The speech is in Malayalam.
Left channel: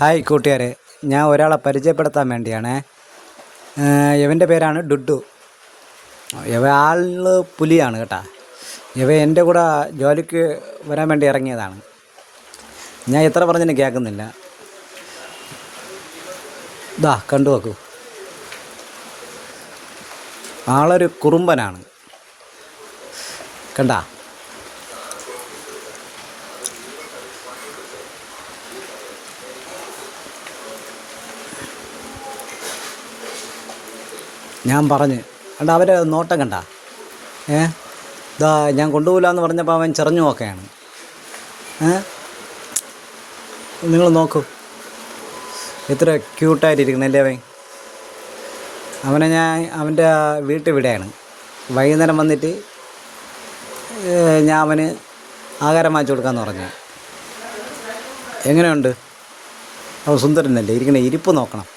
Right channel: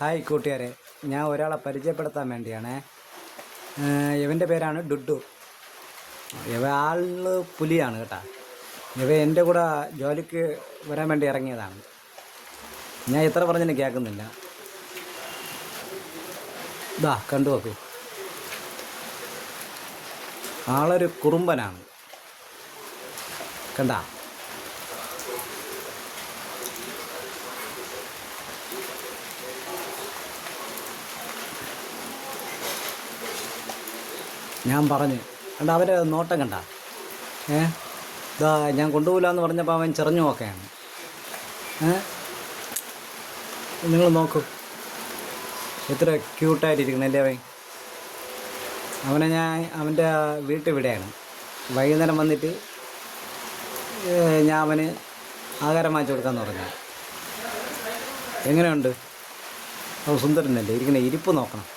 ഹായ് കൂട്ടുകാരെ, ഞാൻ ഒരാളെ പരിചയപ്പെടുത്താൻ വേണ്ടിയാണ്. ഇവൻ്റെ പേരാണ് ഡുഡു. ഇവ ആള് പുലിയാണ് കേട്ടോ. ഇവ എൻ്റെ കൂടെ ജോലിക്ക് വരാൻ വേണ്ടി ഇറങ്ങിയതാണ്. ഞാൻ എത്ര പറഞ്ഞിട്ട് കേൾക്കുന്നില്ല. ഇതാ കണ്ടു നോക്കൂ, ആളൊരു കുറുമ്പനാണ് കണ്ടാ. ഞാൻ പറഞ്ഞ് കണ്ട, അവരെ നോട്ടം കണ്ട. ഇതാ ഞാൻ കൊണ്ടുപോകില്ല എന്ന് പറഞ്ഞപ്പോൾ അവൻ ചെറഞ്ഞു നോക്കുകയാണ്. നിങ്ങൾ നോക്കൂ, എത്ര ക്യൂട്ടായിട്ടിരിക്കുന്നല്ലേ അവൻ. അവനെ ഞാൻ അവൻ്റെ വീട്ടിൽ വിടെയാണ്. വൈകുന്നേരം വന്നിട്ട് ഞാൻ അവന് ആഹാരം വാങ്ങിച്ചു കൊടുക്കാമെന്ന് പറഞ്ഞു. എങ്ങനെയുണ്ട്? അവൻ സുന്ദരനല്ലേ, ഇരിക്കണ ഇരിപ്പ് നോക്കണം.